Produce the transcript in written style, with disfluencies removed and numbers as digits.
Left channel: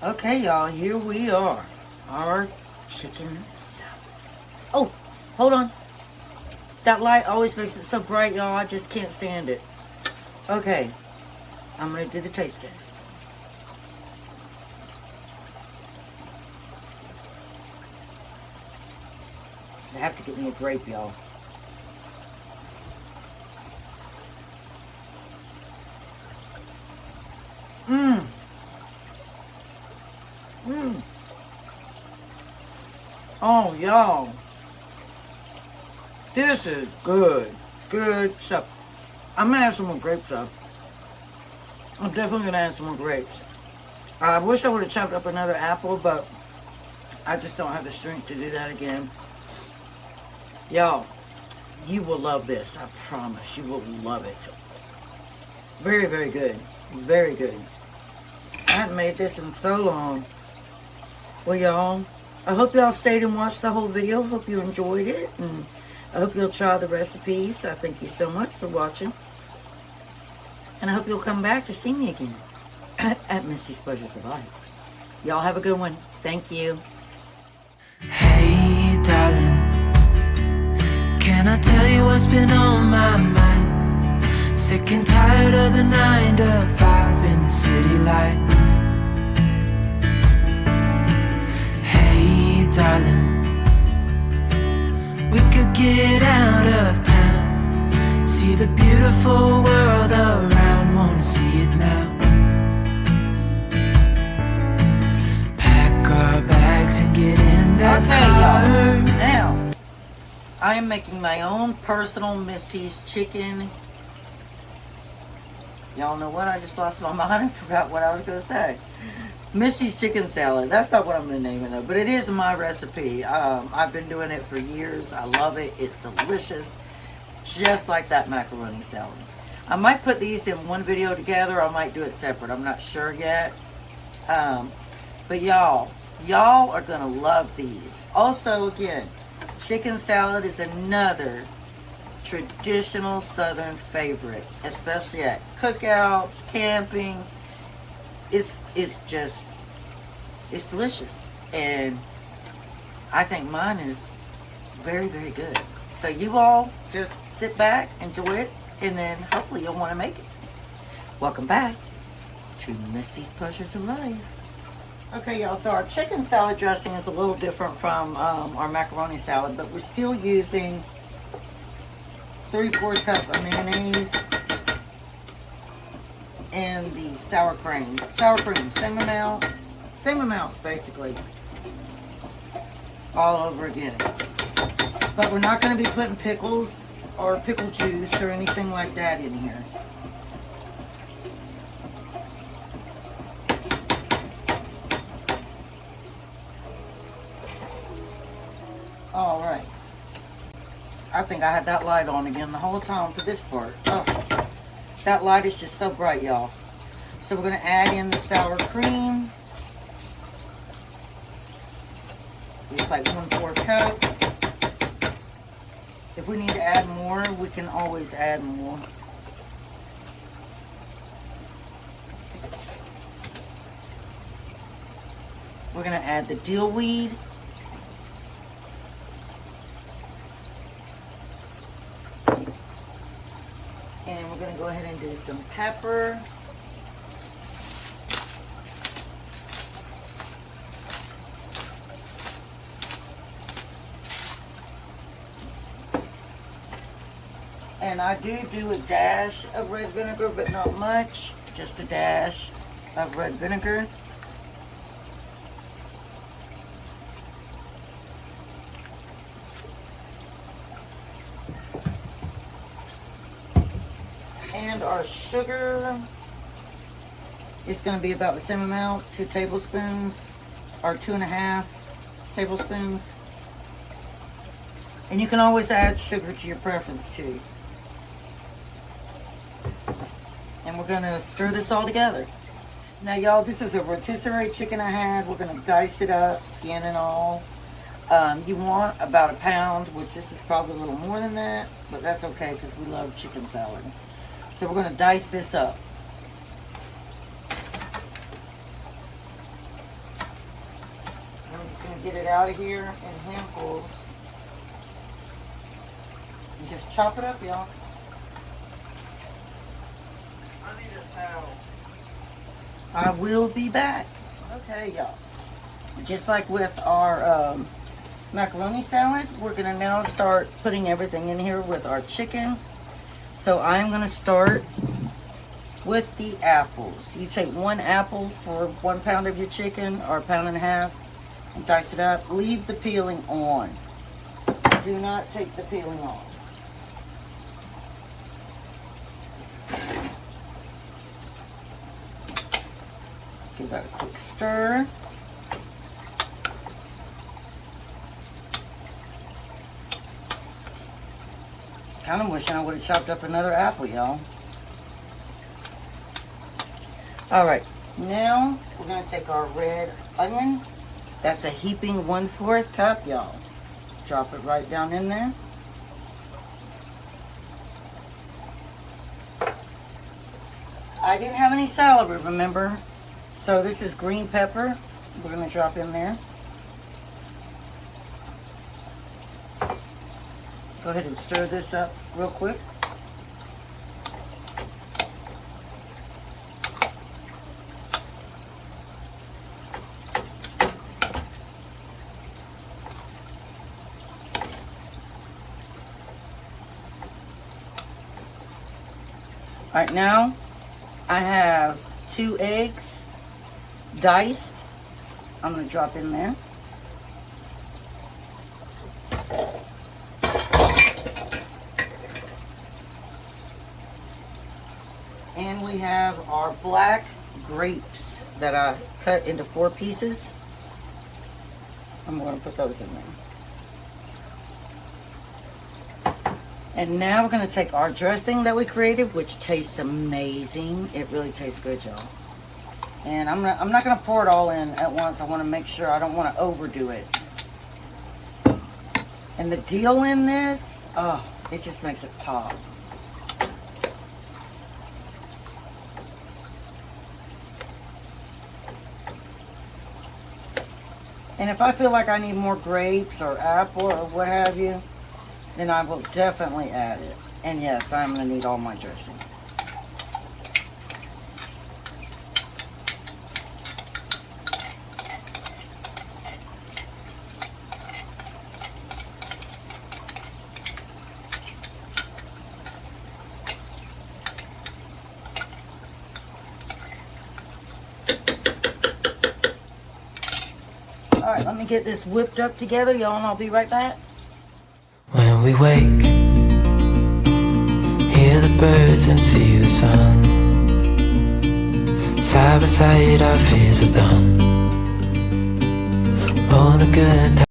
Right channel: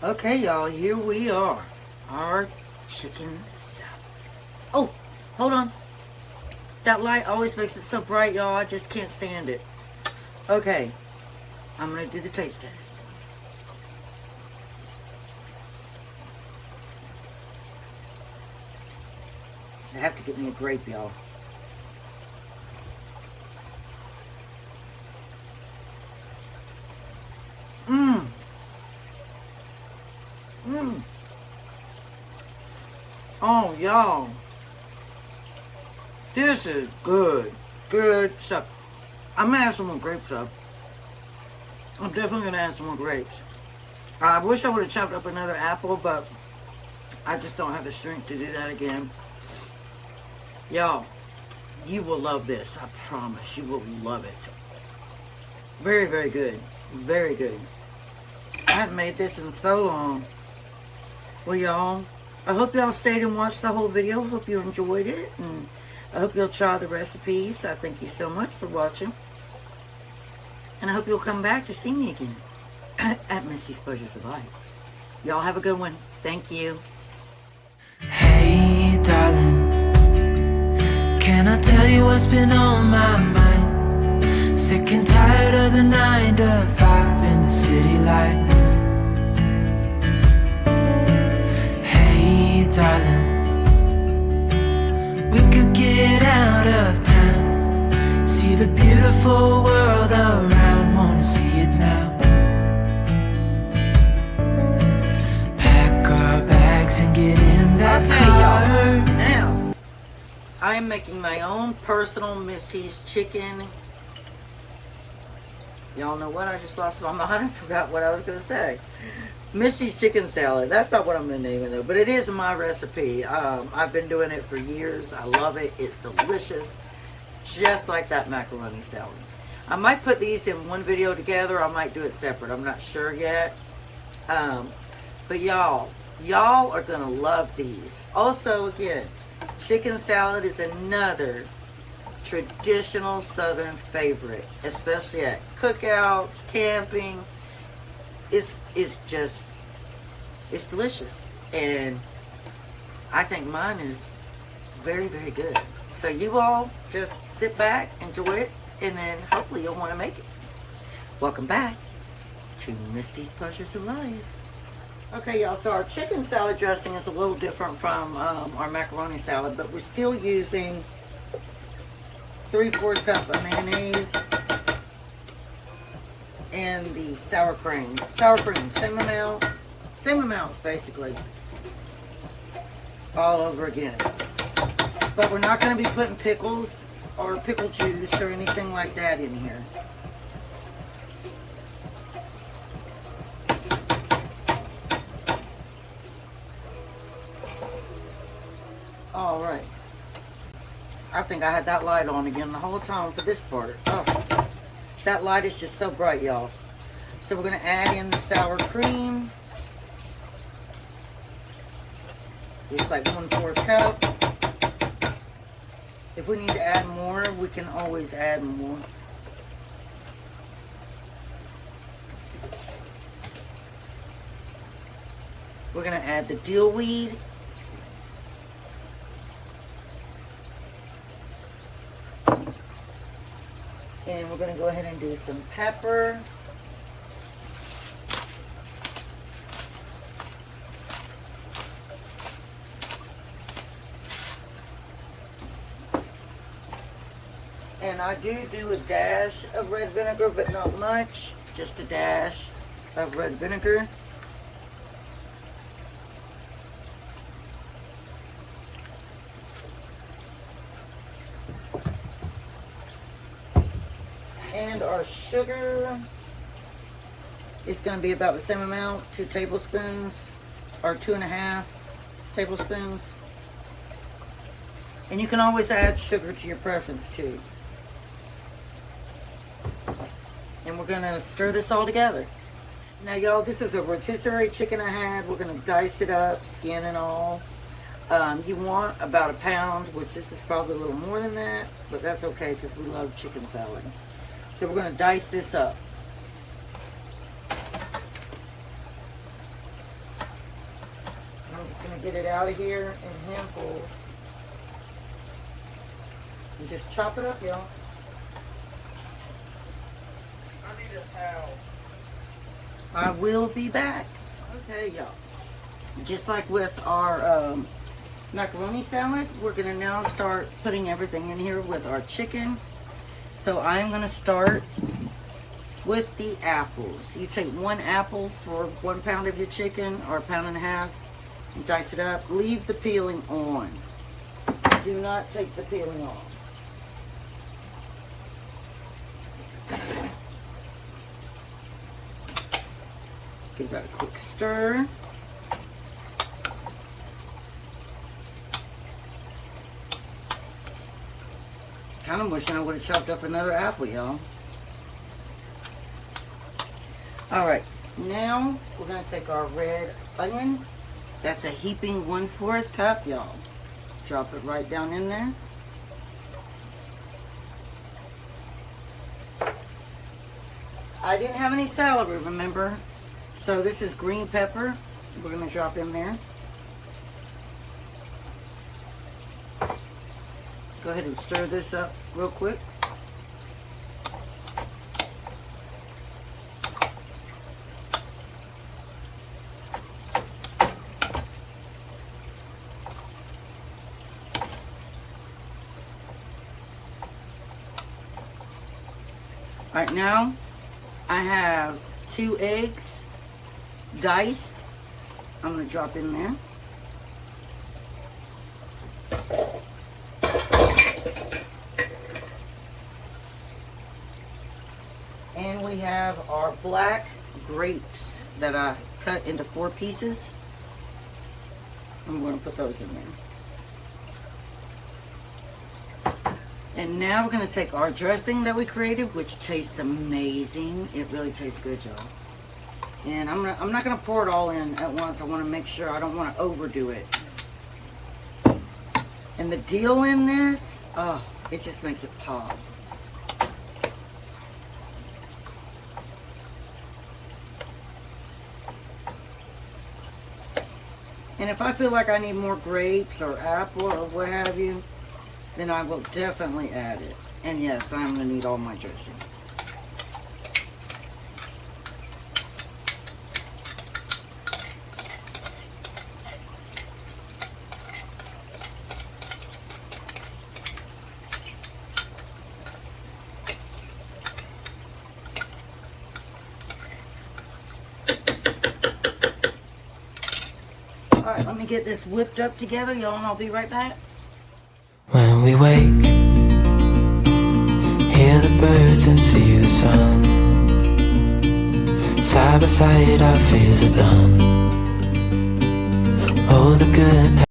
Okay, y'all, here we are. Our chicken salad. Oh, hold on. That light always makes it so bright, y'all. I just can't stand it. Okay, I'm going to do the taste test. I have to get me a grape, y'all. Mmm. Mmm. Oh, y'all. This is good. Good stuff. I'm going to add some more grapes up. I'm definitely going to add some more grapes. I wish I would have chopped up another apple, but I just don't have the strength to do that again. Y'all, you will love this. I promise. You will love it. Very, very good. Very good. I haven't made this in so long. Well, y'all, I hope y'all stayed and watched the whole video. Hope you enjoyed it. And I hope you'll try the recipes. I thank you so much for watching. And I hope you'll come back to see me again at Misty's Pleasures of Life. Y'all have a good one. Thank you. Hey, darling, can I tell you what's been on my mind? Sick and tired of the 9 to 5 in the city light. Hey, darling, we could get out of town, see the beautiful world around, wanna see it now. Pack our bags and get in that car. Now, I am making my own personal Misty's chicken. Y'all know what? I just lost my mind and forgot what I was going to say. Misty's chicken salad. That's not what I'm going to name it though, but it is my recipe. I've been doing it for years. I love it. It's delicious. Just like that macaroni salad. I might put these in one video together. I might do it separate. I'm not sure yet. But y'all are going to love these. Also, again, chicken salad is another traditional Southern favorite, especially at cookouts, camping. It's delicious, and I think mine is very, very good. So you all just sit back, enjoy it, and then hopefully you'll want to make it. Welcome back to Misty's Pleasures of Life. Okay, y'all, so our chicken salad dressing is a little different from our macaroni salad, but we're still using 3/4 cup of mayonnaise and the sour cream. Sour cream, same amounts basically, all over again. But we're not going to be putting pickles or pickle juice or anything like that in here. All right. I think I had that light on again the whole time for this part. Oh, that light is just so bright, y'all. So we're going to add in the sour cream. It's like 1/4 cup. If we need to add more, we can always add more. We're going to add the dillweed. And we're going to go ahead and do some pepper. And I do a dash of red vinegar, but not much. Just a dash of red vinegar. And our sugar is going to be about the same amount, 2 tablespoons, or 2.5 tablespoons. And you can always add sugar to your preference too. And we're going to stir this all together. Now y'all, this is a rotisserie chicken I had. We're going to dice it up, skin and all. You want about 1 pound, which this is probably a little more than that, but that's okay because we love chicken salad. So we're going to dice this up. to get it out of here in handfuls. And just chop it up, y'all. I need a towel. I will be back. Okay, y'all. Just like with our macaroni salad, we're going to now start putting everything in here with our chicken. So I'm going to start with the apples. You take 1 apple for 1 pound of your chicken, or 1.5 pounds, and dice it up. Leave the peeling on. Do not take the peeling off. Give that a quick stir. Kind of wishing I would have chopped up another apple, y'all. Alright, now we're going to take our red onion. That's a heaping 1/4 cup, y'all. Drop it right down in there. I didn't have any celery, remember? So this is green pepper. We're going to drop in there. Go ahead and stir this up real quick. All right, now I have 2 eggs diced. I'm going to drop in there. And we have our black grapes that I cut into 4 pieces. I'm going to put those in there. And now we're going to take our dressing that we created, which tastes amazing. It really tastes good, y'all. And I'm not going to pour it all in at once. I want to make sure I don't want to overdo it. And the deal in this, oh, it just makes it pop. And if I feel like I need more grapes or apple or what have you, then I will definitely add it. And yes, I'm going to need all my dressing. All right, let me get this whipped up together, y'all, and I'll be right back. When we wake, hear the birds and see the sun. Side by side our fears are done. Oh, the good times.